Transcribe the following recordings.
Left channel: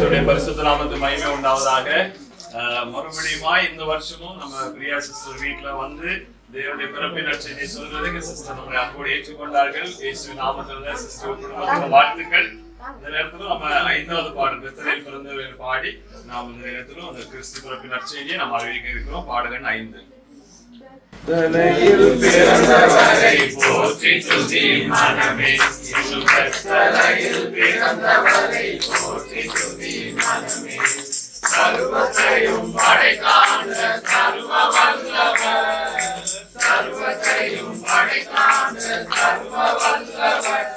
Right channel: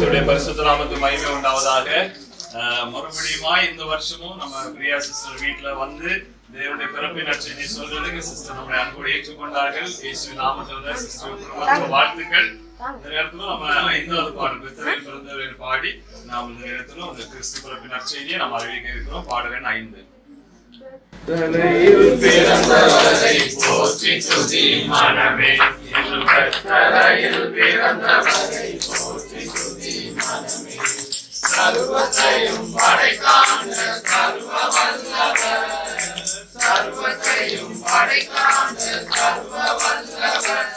கர்த்தருடைய பரிசுத்த நாமத்துக்கு மகிமை உண்டாவதாக. மறுபடியுமாய் இந்த வருஷமும் நம்ம பிரியா சிஸ்டர் வீட்டுல வந்து தேவனுடைய பிறப்பின் நற்செய்தியை சொல்றதுக்கு சிஸ்டர் நம்மளை அன்போடு ஏற்றுக்கொண்டார்கள். இயேசுவின் நாமத்தில சிஸ்டர் குடும்பத்துக்கு வாழ்த்துக்கள். இந்த நேரத்திலும் நம்ம 5வது பாடல் பெத்தேலில் பிறந்தவர் பாடி நாம் இந்த நேரத்திலும் அந்த கிறிஸ்து பிறப்பின் நற்செய்தியை நாம் அறிவிக்க இருக்கிறோம். பாடல் எண் 5. தலையில் பிறந்தவரை போற்றி துதி மனமே, தலையில் பிறந்தவரை போற்றி துதி மனமே, சர்வத்தையும் படைக்காண்ட சர்வ வல்லவர், சர்வத்தையும் படைக்காண்ட சர்வ வல்லவர்,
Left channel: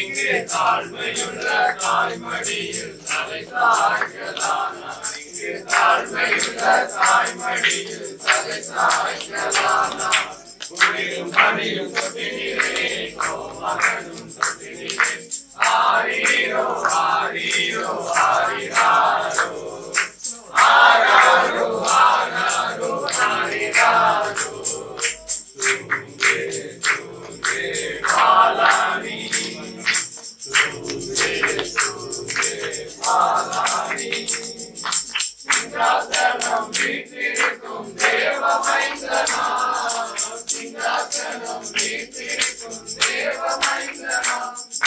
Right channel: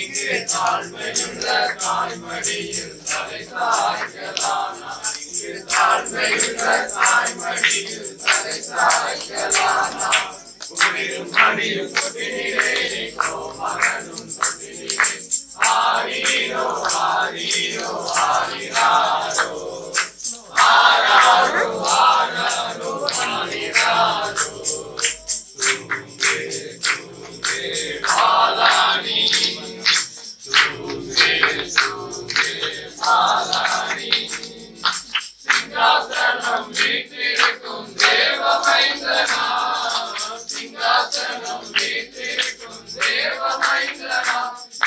இங்கே தாழ்மையுள்ள தாய்மடியில் தலை சாய்க்கலானார், இங்கே தாழ்மையுள்ள தாய்மடியில் தலை சாய்க்கலானார். குளிரும் பனியும் கொட்டினிலே கோமகனும் கொட்டினிலே, ஆரீரோ ஆரீரோ ஆரிராரோ, ஆராரோ ஆராரோ ஆரிராரோ. தூங்கே தூங்கே பாலானி, தூங்கே தூங்கே பாலானி, சிங்காசனம் வீற்றிருக்கும் தேவ மைந்தனா, சிங்காசனம் வீற்றிருக்கும் தேவ மைந்தனா,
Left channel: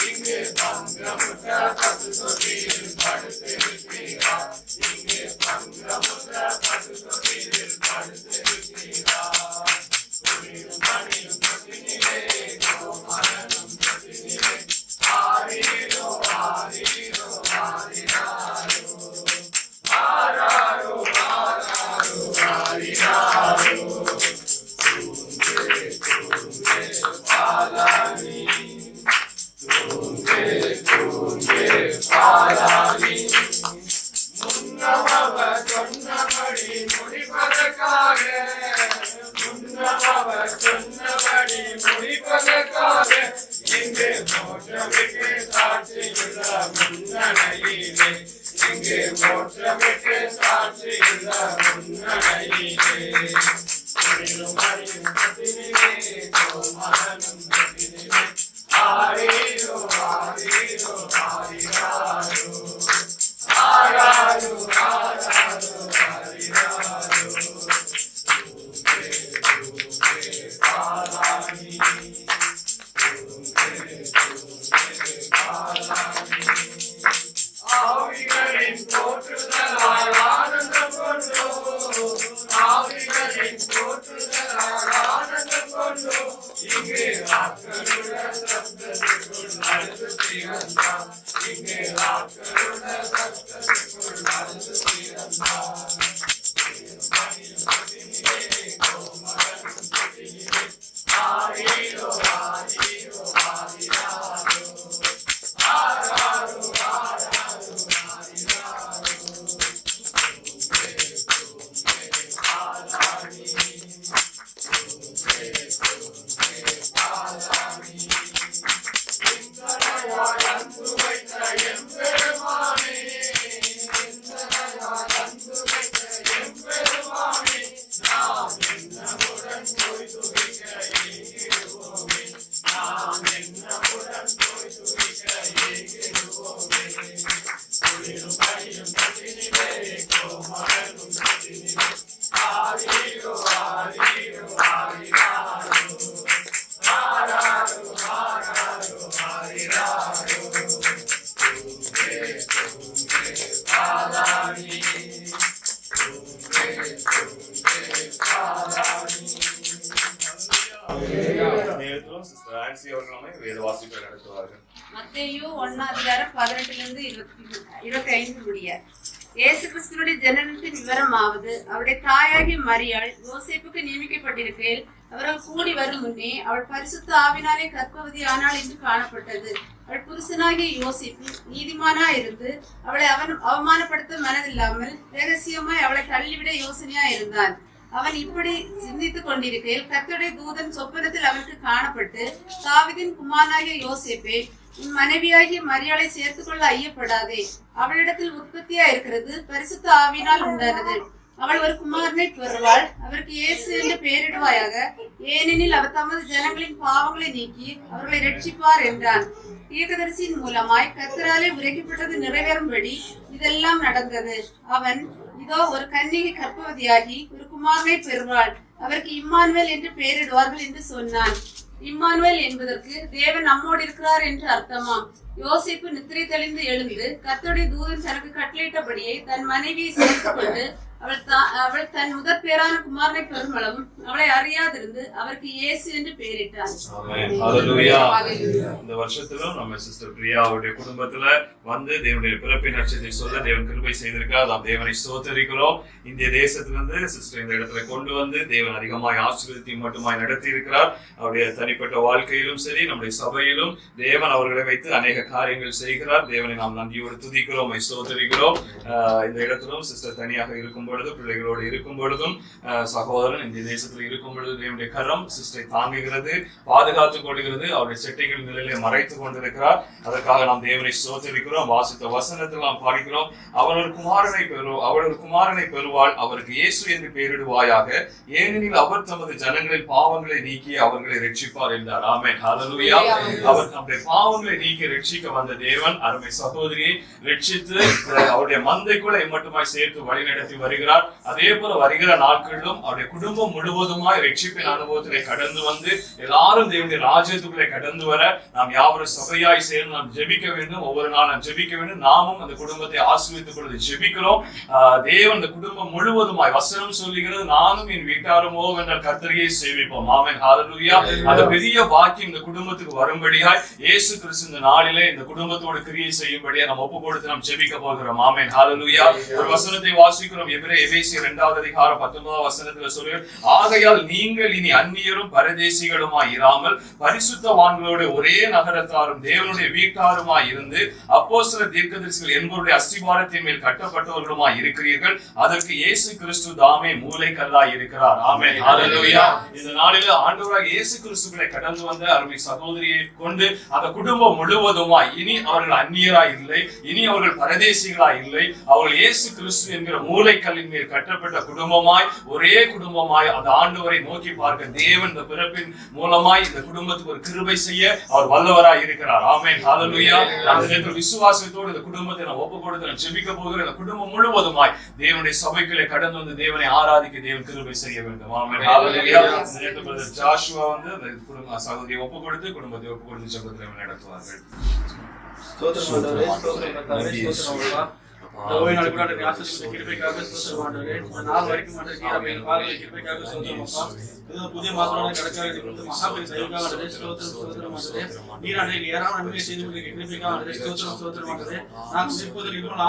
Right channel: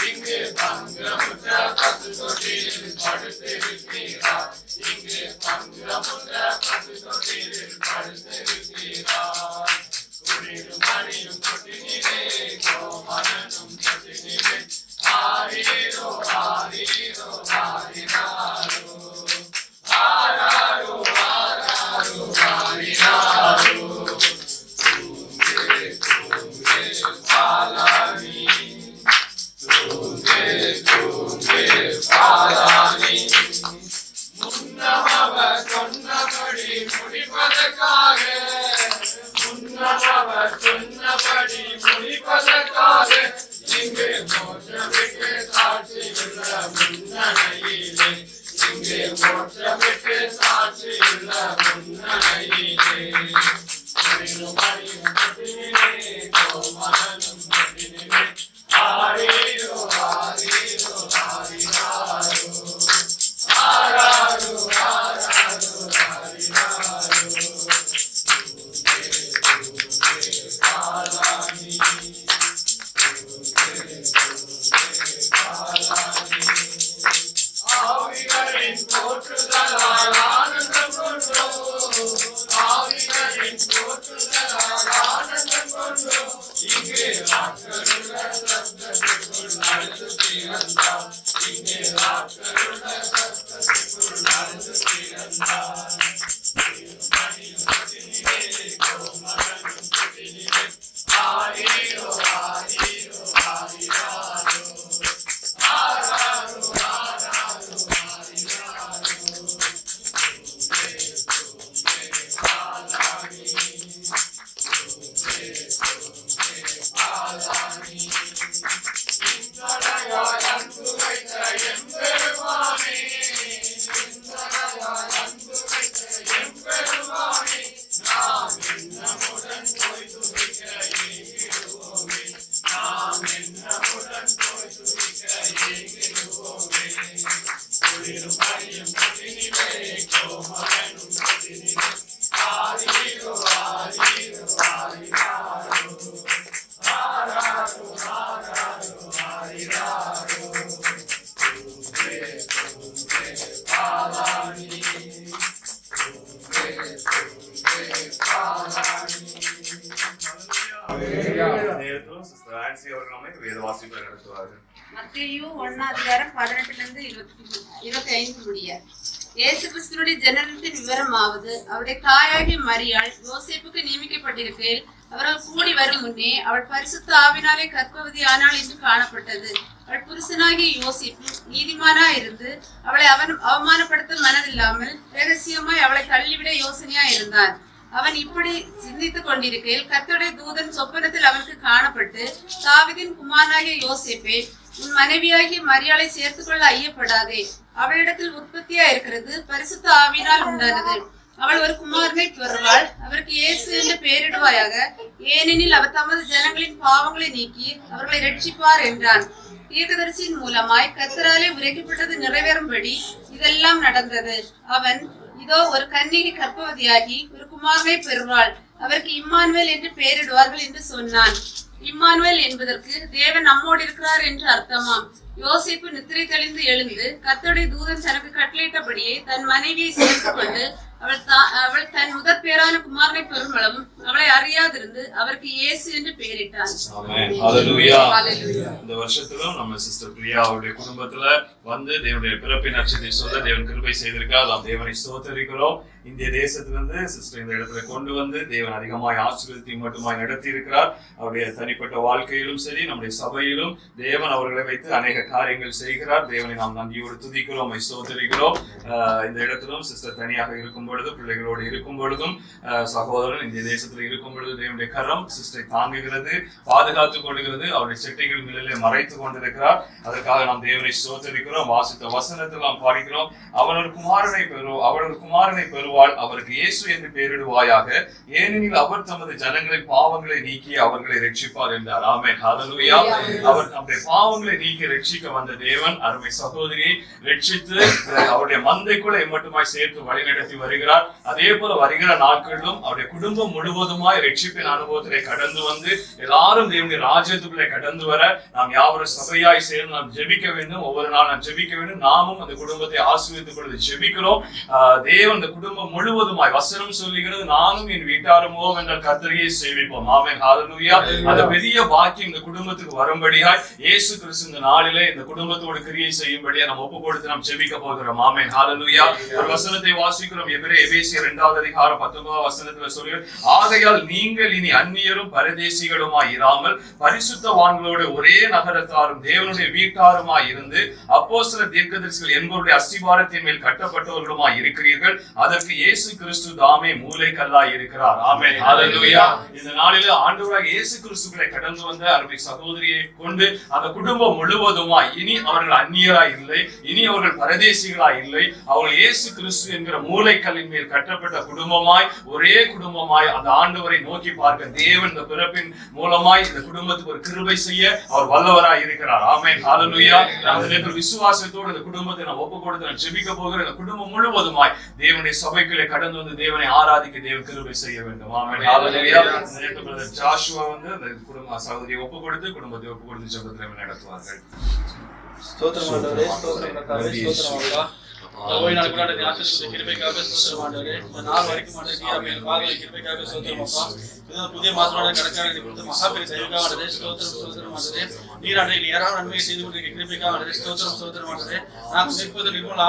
இங்கே பங்கமுற்ற பசுகொடியில் படுத்திருக்கிறார், இங்கே பங்கமுற்ற பசுகொடியில் படுத்திருக்கிறார். குளிரும் மணியும் கொட்டினிலே கோமகனும் கொட்டினிலே, ஆரீரோ ஆரீரோ ஆரிராரோ, ஆராரோ ஆராரோ ஆரிராரோ. தூங்கே தூங்கே பாலானி, தூங்கே தூங்கே பாலானி, முன்னவர் சொன்னபடி முடிப்பதற்காக, முன்னவர் சொன்னபடி முடிப்பதற்காக, இங்கே மோட்சமிக்கு சாட்சியுள்ள முன்னணியிலே, இங்கே மோட்சமிக்கு சாட்சியுள்ள முன்னணியிலே. குளிரும் மணியும் கொட்டினிலே கோமகனும் கொட்டினிலே, ஆரீரோ ஆரீரோ ஆரிராரோ, ஆராரோ ஆராரோ ஆரிராரோ. தூங்கே தூங்கே பாலானி, தூங்கே தூங்கே பாலானி, ஆவிகளின் போற்றுதலால் ஆனந்தம் கொண்டோ, ஆவிகளின் போற்றுதலால் ஆனந்தம் கொண்டோ, இங்கே ஆட்களுள்ள சத்தத்திற்குள் அழுது பிறந்தார், இங்கே ஆட்களுள்ள சத்தத்திற்குள் அழுது பிறந்தார். மணியும் கொட்டினிலே கோமகனும் கொட்டினிலே, ஆரீரோ ஆரீரோ ஆரிராரோ, ஆராரோ ஆராரோ ஆரிராரோ. தூங்கே தூங்கே பாலானி, தூங்கே தூங்கே பாலானி, இந்தனையாய் அன்பு வைத்த எம்பெருமானே, இந்தனையாய் அன்பு வைத்த எம்பெருமானே, நாம் என்னமுடன் போய் துதிக்க ஏகிடுவோமே, நாம் என்னமுடன் போய் துதிக்க ஏகிடுவோமே. குளிரும் பனியும் கொட்டினிலே கோமகனும் கொட்டினிலே, ஆரீரோ ஆரீரோ ஆரிராரோ, ஆராரோ ஆராரோ ஆரிராரோ. தூங்கே தூங்கே பாலானி, தூங்கே தூங்கே பாலானி. நேரத்திலும் சிஸ்டர் ஆன்சி அவர்கள் நம்மை வேத வாசிப்பை நடத்துவார்கள். மத்தேயு 1:18 25 முடிய. இயேசு கிறிஸ்துவினுடைய ஜனனத்தின் விவரமாவது, அவருடைய தாயாகிய மரியாள் யோசேப்புக்கு நியமிக்கப்பட்டிருக்கையில் அவர்கள் கூடி வரும் முன்னே அவள் பரிசுத்த ஆவினாலே கர்ப்பவதி ஆனாள் என்று காணப்பட்டது. அவள் புருஷனாகிய யோசேப்பு நீதிமானா இருந்து அவளை அவமானப்படுத்த மனதில்லாமல் ரகசியமாய் அவளை தள்ளிவிட யோசனையா இருந்தான். அவன் இப்படி சிந்தித்துக் கொண்டிருக்கையில் கர்த்தருடைய தூதன் சொப்பனத்தில் அவனுக்கு காணப்பட்டு, தாவீதின் குமாரனாகிய யோசேப்பே, உன் மனைவியாகிய மரியாளை சேர்த்துக் கொள்ள ஐயப்படாதே, அவளிடத்தில் உற்பத்தியா இருக்கிறது பரிசுத்த ஆவியினால் உண்டானது. அவள் ஒரு குமாரனை பெறுவாள், அவருக்கு இயேசு என்று பெயரிடுவாயாக. ஏனெனில் அவர் தமது ஜனங்களின் பாவங்களை நீக்கி அவர்களை ரட்சிப்பார் என்றான். தீர்க்கதரிசியின் மூலமாய் கர்த்தராலே உரைக்கப்பட்டது நிறைவேறும்படி இதெல்லாம் நடந்தது. அவன், இதோ ஒரு கன்னிகை கர்ப்பவதியாகி ஒரு குமாரனை பெறுவாள், அவருக்கு இம்மானுவேல் என்று பெயரிடுவார்கள் என்று சொன்னான். இம்மானுவேல் என்பதற்கு தேவன் நம்மோடு இருக்கிறார் என்று அர்த்தமாம். யோசேப்பு நித்திரை தெளிந்து எழுந்து கர்த்தருடைய தூதன் தனக்கு கட்டளையிட்டபடியே தன் மனைவியை சேர்த்துக் கொண்டு அவள் தன் முதற் பேரான குமாரனை பெருமளவும் அவளை அறியாதிருந்து அவருக்கு இயேசு என்று பெயரிட்டான். இந்த வருஷத்திலும் நம்ம சிஸ்டர் பிரியாவுடைய குடும்பத்துல வந்து தேவனுடைய பிறப்பின் நட்சத்திரத்தை சொல்ல தேவன் கிருபை செய்திருக்கார். நாம் தேவனை ஸ்தோத்தரிக்கிறோம். இந்திய தேசத்திலிருந்து சிஸ்டர் இந்த இடத்துல கொண்டு வந்து தேவன் அதிகமாய் ஆசீர்வதித்து மட்டுமாய் நடத்தி இருக்கிறார். அவருடைய தனிப்பட்ட வாழ்க்கையிலும் சரி நம்முடைய சபையிலும் தேவன் அவர்களை வைத்து அநேக காரியங்கள் செய்கிறார். தேவனை நாம் நன்றியோடு துதிக்கிறோம், ஸ்தோத்தரிக்கிறோம். இந்த இடத்திலும் சிஸ்டர் தனியாக இருக்கும் பொழுது, பிள்ளைகளோடு இருக்கும் பொழுதும், சகோதரன் இந்திய தேசத்தில் இருக்கும் பொழுது தேவனுடைய கரம் சிஸ்டரை தாங்குகிறது, பாதுகாத்துக் கொள்கிறது. அவருடைய செட்டைகள் நிலையிலே மறைத்து கொண்டிருக்கிறார். அதற்காக நாம் தேவனை ஸ்தோத்தரிக்கிறோம். வாசித்த வசனத்தில் நாம் பார்க்கிறோம், அவள் ஒரு குமாரனை பெறுவாள், அவருக்கு இயேசு என்று பெயரிடுவாயாக, ஏனெனில் அவர் தமது ஜனங்களின் பாவங்களை நீக்கி அவர்களை ரட்சிப்பார் என்றார். ஆமென், ஹல்லேலூயா. அவர் நம்முடைய பாவங்களை நீக்கி ரட்சிக்க வந்த தேவன் அருமை சகோதரியை ரட்சித்து அவருடைய மந்தைக்குள்ள மட்டுமாய் சேர்த்து வழிநடத்தி வருகிறார். அதே போல வருகிற நாட்களிலும் அவருடைய குடும்பம் முழுவதுமாய் ரட்சிப்பின் அனுபவத்திலே கடந்து வந்து எல்லாரும் தேவனுடைய ராஜ்யத்துக்குள்ளே கடந்து வர நாம் யாவரும் சபையாய் சேர்ந்து நாம் ஜெபிக்க வேண்டும். ஒவ்வொரு நாள் நாம் ஜெபிக்க வேண்டும். நாமும் அந்த குடும்பத்தை ஆசீர்வதித்துக் கொண்டு ஜெபிக்கிறோம். தேவன் அந்த குடும்பம் முழுவதுமாய் வசனம் சொல்லுகிறது, நானும் என் வீட்டாருமோ என்றால் கர்த்தரையே சேவிப்போம். ஆமென், ஹல்லேலூயா. அந்த பெரிய பாக்கியம் இந்த குடும்பத்துக்கு வரும்படியாய் இயேசு கிறிஸ்து இந்த நாளிலே இந்த குடும்பத்தோடு கிரியை செய்யும்படியா நம்ம ஒப்பு கொடுத்து நாம் ஜெபிக்க போகிறோம். ஆமென், ஹல்லேலூயா. ஒரு வசனத்தை வாசிக்கிறோம். எபேசியர் 2வது அதிகாரம் 19வது வசனத்துல சொல்லுகிறது, ஆகையால் நீங்கள் இனி அந்நியரும் பரதேசிகளுமாய் இராமல் பரிசுத்தவான்களோடு ஒரே நகரத்தாரும் தேவனுடைய வீட்டாருமாய் இருந்து அப்போஸ்தலர் தீர்க்கதரிசிகள் என்பவருடைய அஸ்திபாரத்தின் மேல் கட்டப்பட்டவர்களுமாய் இருக்கிறீர்கள். அதற்கு இயேசு கிறிஸ்து தாமே மூலைக்கல்லாய் இருக்கிறார். ஆமென், ஹல்லேலூயா. இந்த நாளிலே ஆண்டவராகிய இயேசு கிறிஸ்துவை கடந்து வந்த அருமை சகோதரியை கொண்டு அந்த குடும்பம் முழுவதுமாய் இனி அவர்கள் அந்நியராய் இல்லை, இனி அவர்கள் பரதேசிகளாய் இல்லை, அவர்கள் இயேசு கிறிஸ்து என்கிற மூலைக்கல்லின் மேல் கட்டப்பட்ட குடும்பமாய் ஒரே குடும்பமாய் அந்த ஆண்டவரை நோக்கி பார்க்க தேவன் இந்த பிறப்பின் மூலமாய் இந்த குடும்பத்துக்கு ஒரு கிருபை செய்ய அவர் வல்லவராய் இருக்கிறார். ஆமென், ஹல்லேலூயா. அந்த விசுவாசத்தோடு இந்த குடும்பத்தை நான் ஒப்பு கொடுத்து நான் ஜெபிக்க போகிறேன். இந்த குடும்பம் முழுவதுமாய் தேவனுடைய சபைக்குள்ளே கடந்து வந்து தேவனை ஆராதிக்க தேவன் கிருபை செய்ய வேண்டும். ஆமென், ஹல்லேலூயா. பிரதர் ஜாஷுவா வந்து அந்த குடும்ப சகோதரியை ஒப்பு கொடுத்து குடும்பத்தை ஒப்பு கொடுத்து ஜெபத்தை நடத்துவார்கள். ஓய் நாள் கூட ஆசீர்வதித்து கிருபைக்காக ஸ்தோத்திரம் ஆண்டவரே. இந்த நாள் வரைக்கும் ஆண்டவரே பாதங்களை கிருபைக்காக ஸ்தோத்திரம் அப்பா. இது புதிய மாதத்தோட கடற்கரை கொடுத்த மகாபெரிய தயவுக்காக ஆண்டவரே ஸ்தோத்திரம் ஆண்டவரே. நீர் ஆண்டவரே ஏராளமான நன்மையை செய்து கொண்டிருக்கிற கிருபைக்காக ஆண்டவரே ஸ்தோத்திரம் ஆண்டவரே. நாங்கள் நிற்பது நிர்மூல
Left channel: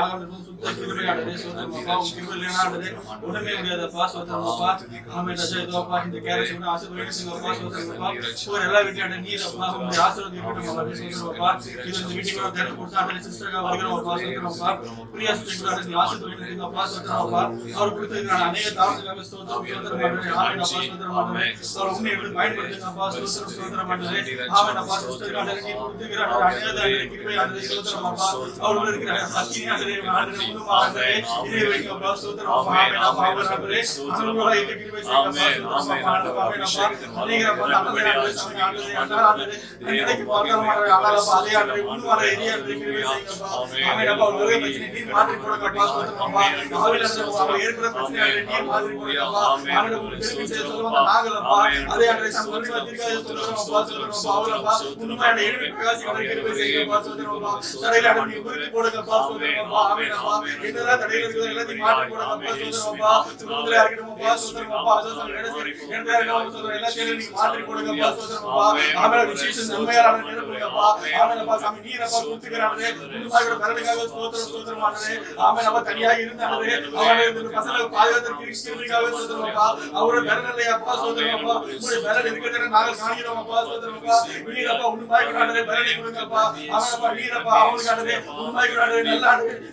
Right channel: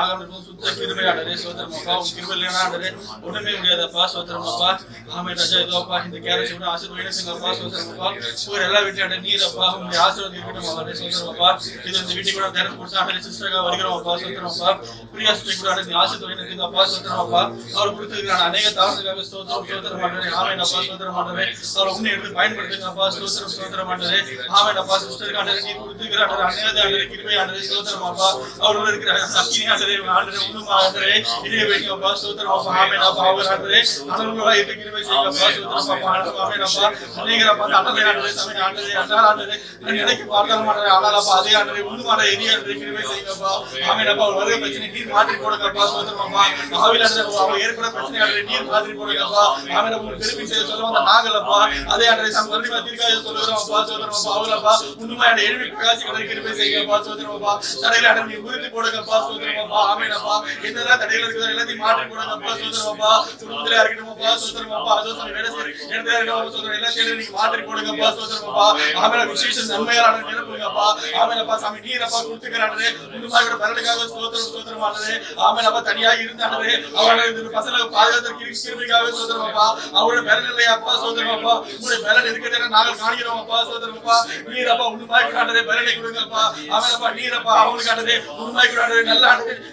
ஆகாமல் சுத்த கிருபை ஆண்டவரே ஸ்தோத்திரம் அப்பா. உங்க கிருபை இல்லைன்னா ஆண்டவரே ஒண்ணுமே முடியாதப்பா. ஸ்தோத்திரம் அப்பா. ஆமென் ராஜா. இதோப்பா இந்த கேரட் கூட ஆசீர்வதிங்க அப்பா. ஸ்தோத்திரம் அப்பா. உங்க எல்லா வீட்லயும் நீர் அப்பா உங்களுடைய ஆசீர்வாதம் இருக்கட்டும் ஆண்டவரே. ஸ்தோத்திரம் அப்பா. இது இந்த வீட்டுக்கு கூட திறந்து கொடுத்து ஆண்டவரே சிஸ்டராக வருகிறோம் அப்பா. ஸ்தோத்திரம் அப்பா. பிரியா சிஸ்டர் கூட ஆண்டவரே ஆசீர்வதிங்க அப்பா. ஸ்தோத்திரம் அப்பா. அவர் கொடுத்திருக்கிற அநேக தாளத்துக்காக ஸ்தோத்திரம் ஆண்டவரே. ஆமென் அப்பா. ஸ்தோத்திரம் ஆண்டவரே. அவர் உன்னை எடுத்து பயன்படுத்துங்க அப்பா. ஸ்தோத்திரம் ஆண்டவரே. ஆமென் அப்பா. சிஸ்டர் ஆண்டவரே நீர் கொடுத்திருக்கிற அநேக ஆண்டவரே கிருபை ஆண்டவரே. ஸ்தோத்திரம் அப்பா. அவரோட இருக்கிற அக்கினி ஆண்டவரே ஆண்டவரே உண்மை ஆண்டவரே இதே வைங்க அப்பா. ஸ்தோத்திரம் அப்பா. ஆமென் அப்பா. அவர் ஆண்டவரே அனுபவமா இருக்க கிருபை செய்யுங்க அப்பா. ஸ்தோத்திரம் அப்பா. ஆமென் அப்பா. அநேக அப்பா ஆண்டவரே ஆண்டவரே சமய ஆண்டவரே ஆண்டவரே நினைக்க பார்க்கலாம் ஆண்டவரே. ஆனாலப்பா அதே ஆண்டவரே உண்மையான எரிய ஆண்டவரே கிருபை செய்யுங்க அப்பா. ஆமென் அப்பா. ஒரு வகை பிரச்சனை நீர் மாற்றி போடுங்க அப்பா. ஸ்தோத்திரம் அப்பா. ஆவில அவர் ஏற்பட பிரச்சனை ஆண்டவரே நீர் மாற்றி போடுங்க அப்பா. ஆமென் அப்பா. உங்களுக்கு திருப்பி செய்ய சொல்லுவாங்க நாங்கள் அப்பா அதே ஆண்டவரே சம் மறுபடியும் தீர்க்காய சொல்லுகிறோம் அப்பா. ஸ்தோத்திரம் அப்பா. அவளப்பா உண்மையான எழுவி பிரகாசிக்கிற கிருபை செய்யுங்க அப்பா. ஸ்தோத்திரம் அப்பா. தடையில ஆண்டவரே நீர் உறுதி போடுங்க அப்பா. ஸ்தோத்திரம் அப்பா. ஆமென் அப்பா. என்னதான் தடையில இருக்குது எல்லாத்தையும் மாற்றி போடுங்க அப்பா. ஸ்தோத்திரம் அப்பா. குடும்பத்திலே இருக்கட்டும் அப்பா. ஸ்தோத்திரம் அப்பா. அதோசம் வேலை செய்ய என்னதா இருக்கட்டும் ஸ்தோத்திரம் எல்லாத்தையும் நீங்க மாற்றி போடுங்க அப்பா. ஸ்தோத்திரம் அப்பா. ஆமென். விசேஷ நன்மையாளர் நிரப்புங்க அப்பா. ஆமென் அப்பா. சாமி நீர் அப்பா கொடுத்துக்கறானே உண்மையோட பரலுக்காக ஸ்தோத்திரம் ஆண்டவரே. ஆமென் அப்பா. தனியாக இருந்தானே அவரை இந்த பசங்க பாதுகாத்து கிருபைக்காக ஸ்தோத்திரம் அப்பா. அவரோட பரல்ல அப்பா. ஸ்தோத்திரம் அப்பா. உங்களுடைய பரல் இருக்கிறத நாங்கள் காண்கிறோம் அப்பா. ஸ்தோத்திரம் அப்பா. நீர் அப்பா உண்மையோட பரலை கொடுங்க அப்பா. ஆமென் அப்பா. நீர் அப்பா அவங்களுக்கானதே உண்மையோட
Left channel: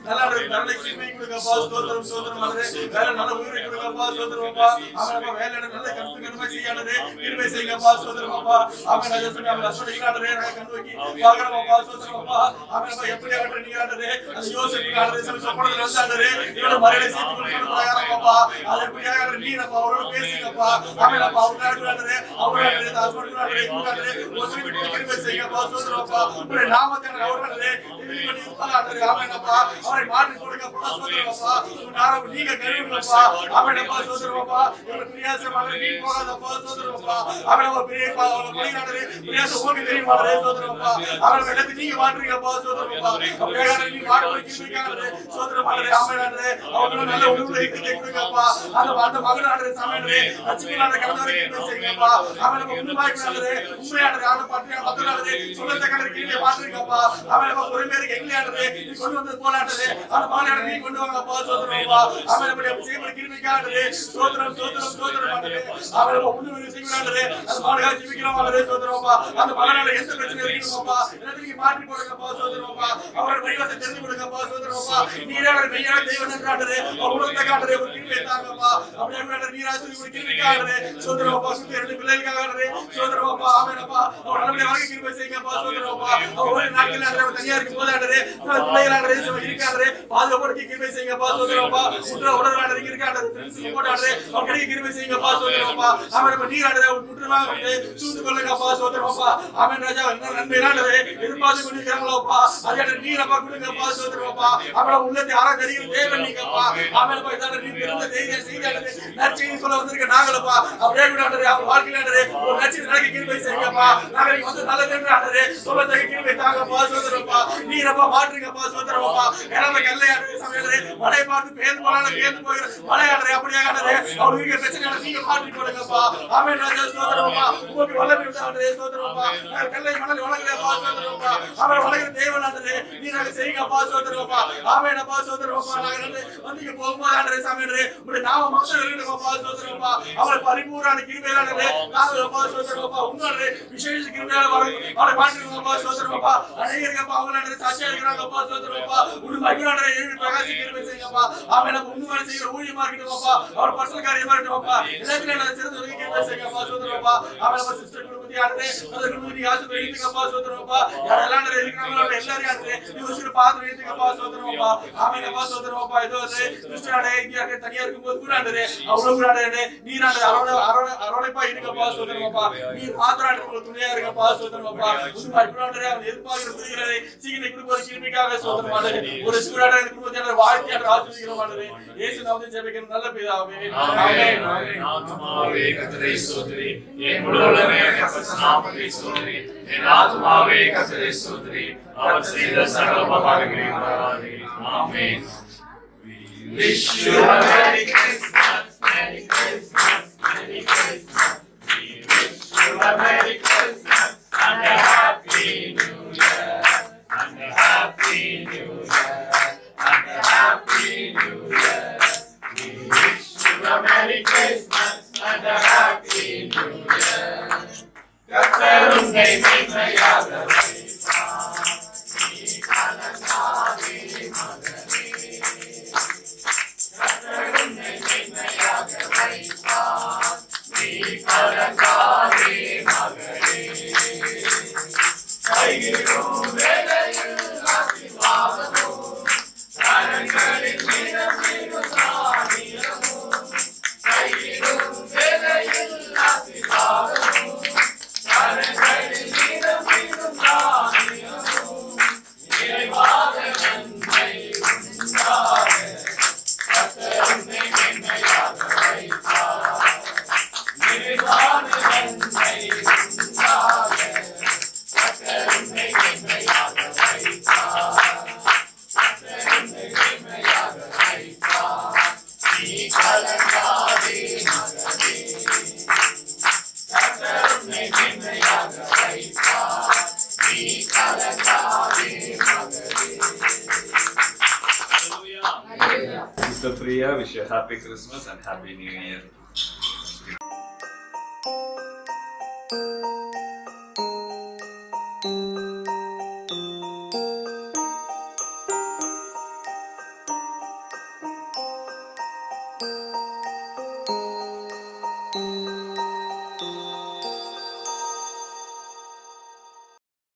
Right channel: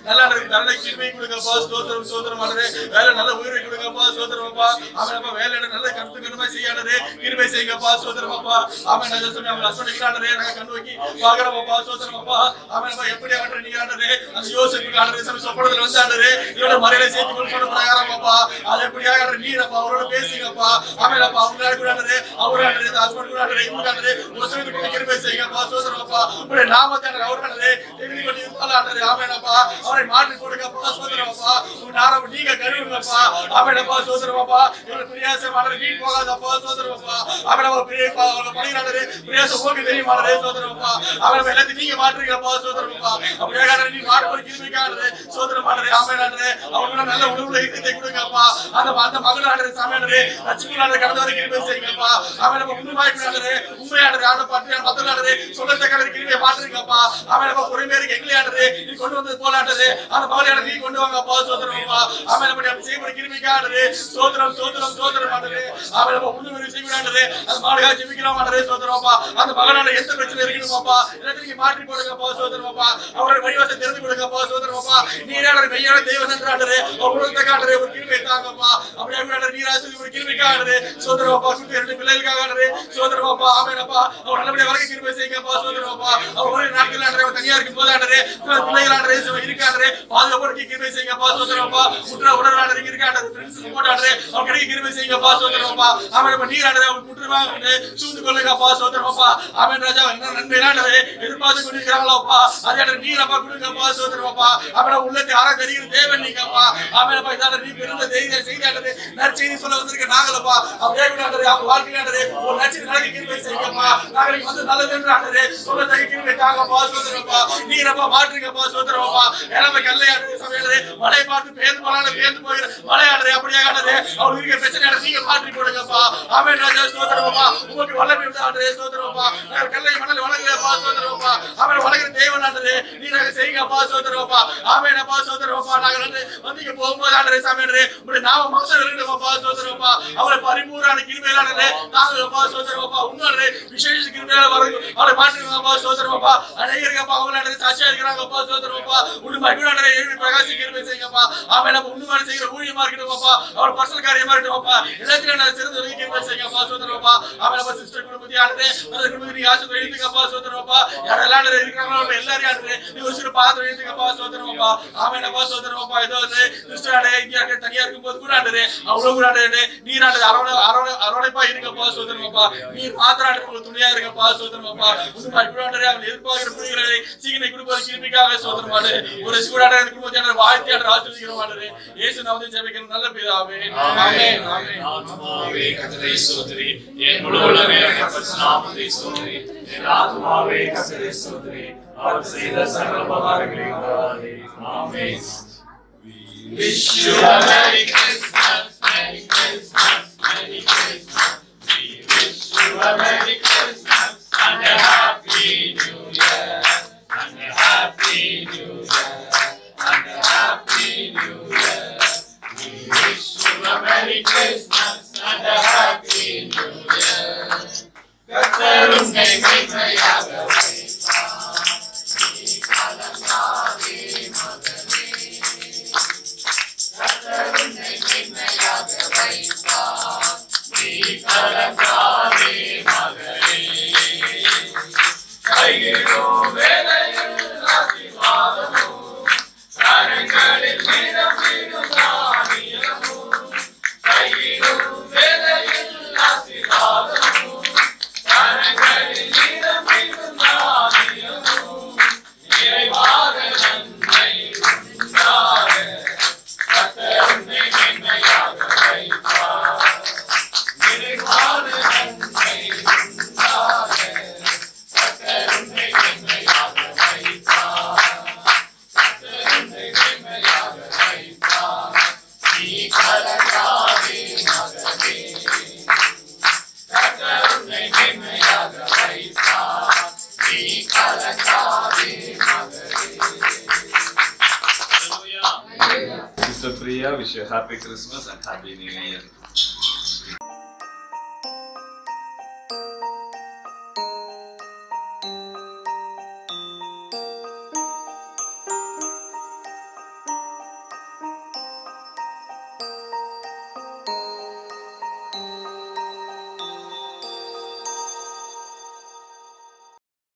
நல்ல பரலை கிருபை கொடுங்க அப்பா. ஸ்தோத்திரம் ஆண்டவரே. வேலை நல்ல உயிரை கொடுங்க கொடுங்கப்பா சோதரப்பா அவனப்பா வேலையில நல்ல கருத்துக்கணுமா செய்யானதே கிருபை செய்யுங்கப்பா சோதரப்பா அவன் நான் சொன்ன அவங்க ஹஸ்பண்டுக்கு நாங்க கண்டு வைக்கி பாக்குறப்பா சோதரப்பா அவனப்பா எப்படி ஆகட்டும் நீங்க ஆண்டது அந்த யோசிப்பு ஆண்டது சொப்பனத்துல வந்து ஆண்டது இவனோட மறையில சேர்த்து கொண்டு பிரகாரமாப்பா அது எப்படி ஆகட்டும் நீங்கப்பா அவரோட பேசுங்கப்பா அவனப்பா அவங்க கூட ஆண்டது அவர் ஆண்டது ஹஸ்பண்ட் கூட ஆண்டது இவங்க ஆண்டது ஒருத்தருக்கு கிருபை செய்யுங்கப்பா சோதரப்பா உங்களுடைய நாமத்தை அவர் ஆண்டது எழுதி கொண்டு இருப்பால் ஆண்டது அவனப்பா அவரை மாற்றி கொடுங்கப்பா சோதரப்பா நாரம் நீங்க கருவுங்கப்பா அவனப்பா சோதரப்பா இவரோட பிரியாசமான நீ போகாதப்பா சோதரப்பா அவனப்பா பிரியப்பா அவளை பணியாளரே பிரியாசம் உங்களுக்கு தெரியுமாடே சோதரப்பா அவனை எல்லாத்தையும் நீங்க மாற்றுங்கப்பா சோதரப்பா அப்படியே நீ மாடு கிருமிக்கானது சோதரமாடே ஆமையானே அவங்களோட நல்ல உணவுல இருந்து கொடுங்கப்பா அந்த மகனானே சாமியானே ரட்சிக்கலானே கடந்த வரை கிருபை செய்யுங்கப்பா அவனப்பா உண்மையானே உண்மையானே ஆன பாட்டியா மத்தனானே சொல்லத்த கடை கிருபை மாற்றுங்கப்பா அவனப்பா பொறுமையாக எங்களையானே நீ கொண்டு வந்தது போலானே அந்த மகனானே நீ கொண்டு வாங்கப்பா சோதரப்பா அவனப்பா செய்யப்பட கிருமிக்கானே சோதரம் சோதரம் சோதரமானே அவனப்பா உண்மையாக செய்யறானே அந்த மாடுகா ஜெபிக்கிறோமானே சோதரப்பா அந்த மகனான எந்த பிரச்சனை இருக்குதுப்பா எல்லாத்தையும் மாற்றி போடுங்கப்பா சோதரப்பா அவரோட வழிவாசை தெரிந்து கொடுங்கப்பா சோதரப்பா நீரான மெய்யான தெய்வம் என்றாடரே உலகத்தை காட்டுறே ஒரு கிருபை தாங்கப்பா அப்படியே கூட நீராசி ஒரு கிருபிக்காகறே சோதரப்பா சுத்தி ரெண்டு பிள்ளைகளுக்காகறே சோதரப்பா ஆமெனப்பா அவர் நல்லபடியா வரைக்கும் கிருபை செய்யுங்கப்பா சோதரப்பா அவர் ஒரு நாட்கள் ஆண்டரே தனியா இருக்கும் போது ஆண்டரே பிள்ளைகள் ஆண்டரே இருக்காண்டரே பாதுகாப்பு கிருபை செய்யுங்கப்பா சோதரப்பா உடல் ஆண்டரே இருக்காண்டரே ஃப்ரெண்ட்ஸ் சப்போர்ட் ஆண்டரே அவர் கிடைக்க கிருபை செய்யுங்கப்பா சோதரப்பா ஆமெனப்பா நீர் ஆண்டரே அவர் முற்றுவாங்க சூது கொள்ளுங்கப்பா சோதரப்பா ஆமென் ராஜா என்ன நன்மையானதே எதிர்பார்த்து கொண்டிருக்கிறாங்களப்பா அதே நீரப்பா கொடுங்கப்பா சோதரப்பா அவன உள்ளத்தை ஆராய்கிற தேவன் நீங்கப்பா ஆமென்ப்பா இதான நீ பிறந்த செய்தியானது நற்செய்தி சொல்ல வந்திருக்க நாங்களப்பா அப்படியே கூட அவர் வாழ்க்கையானது ஒரு நற்செய்தி நடக்க கிருபை செய்யுங்கப்பா நாங்கள் வந்து நல்லதுன்றானது சொல்லத்தை கிருபை தாங்கப்பா சோதரப்பா நீரப்பா மாற்றுங்கப்பா சோதரப்பா எல்லாமே கல்லையானது சமையலே மழை பார்த்து பேர்ந்து போனாலும் பேர்ந்து போகிற மழையானது அப்படியே ஆனது அவர் இருக்கிற பிரச்சனையான நீங்க மாற்றி போடுங்கப்பா ஆமென் ராஜா சோதரப்பா உங்களுக்கு வல்லமை உண்டானது சோதரப்பா கல்லை மணல் வணங்கலைப்பா சோதரப்பா அவர் வணங்குற தேவனானது நீங்க செய்யுங்கப்பா சோதரப்பா ஆமெனப்பா சோதரப்பா நாங்கள் வந்து போகும்போது ஆண்டரே சாமியானது உங்களுடைய நாம மாசம் இருக்கணும்ப்பா சோதரப்பா அவரை பரிபூர்ண கிருபையானது நாங்கப்பா சோதரப்பா உன்னோட விசேஷ கிருபையால வரும் அவரை மாற்றுங்கப்பா சோதரப்பா அநேகருக்கப்பா அவங்களானது சாட்சியா இருக்கிறாங்கப்பா சோதரப்பா உண்மை அபிரானரை எழுதி பிரகாசி கிருபை செய்யுங்கப்பா ஆமெனப்பா உண்மையான செய்கிற ஊழியமா இருக்கணும்ப்பா அவர் பர்சனல் காரியமா இருக்கணும்ப்பா எல்லாத்திலும் நான் சிறந்த உதவி கிருபை செய்யுங்கப்பா சோதரப்பா ஆமெனப்பா சிஸ்டர் குடும்பத்தியானது அந்த குடும்பத்துக்கு ஆசை எழுதிங்கப்பா சோதரப்பா யாரெல்லாம் இருக்கிறாங்களோ எல்லாரையும் ஆனது நீ ஒரு சில பாத்திரம் எழுதிங்கப்பா சோதரப்பா ஆமெனப்பா சோதரப்பா ஏதோ கிறிஸ்துவானே இங்க தனியா இருக்கும்போது கூட ஆண்டது அவ்வளவு கூட ஆண்டது நீராண்டது அரவணைப்பா இருங்கப்பா சோதரப்பா நீர் மாத்திராண்டு உங்களுக்கு துணையா இருங்கப்பா சோதரப்பா உண்மை இப்படி அவன் எதிர்பார்க்கிற பிள்ளைகளை சீக்கிரம் கொடுப்பது கிருமிக்காக சோதரமாடு ஒரு சூடான குடும்பத்தினர் வாழ்க்கையாளர் ஆசிரியமானது இயேசு நாமத்தில் ஜெபிக்கிற நல்ல பிதாவே ஆமென் ஆமென் ஆத்மாவே கர்த்தரை ஸ்தோத்திரி என் முழு உள்ளமே கர்த்தர் நாமத்தை ஸ்தோத்திரி என் ஆத்மாவே கர்த்தரை ஸ்தோத்திரி அவர் செய்த சகல உபகாரங்களையும் மறவாதே ஆமென். We wish you a Merry Christmas, Merry Christmas, Merry Christmas. We wish you a Merry Christmas and a Happy New Year, and a Happy New Year, and a Happy New Year. We wish you a Merry Christmas and a Happy New Year. கர்த்தர் உன்னை மேன்மையாக வைப்பார், நீ கலங்காதே மகனே. கர்த்தர் உன்னை மேன்மையாக வைப்பார், நீ கலங்காதே மகனே. கையிலும் வேலையில் ஆசீர்வாதமும், கரங்களில் நிரம்பிடும் தானியமும். கையிலும் வேலையில் ஆசீர்வாதமும், கரங்களில் நிரம்பிடும் தானியமும். நிறைவாக நன்மை உண்டாக கர்த்தர் உன்னை மேன்மையாக வைப்பார். நிறைவாக நன்மை உண்டாக கர்த்தர் உன்னை மேன்மையாக வைப்பார். கர்த்தர் உன்னை மேன்மையாக வைப்பார். நீ கலங்காதே மகனே. கர்த்தர் உன்னை மேன்மையாக வைப்பார். நீ கலங்காதே மகனே. Hallelujah. Sister Priya, wish you a happy Christmas and happy New Year.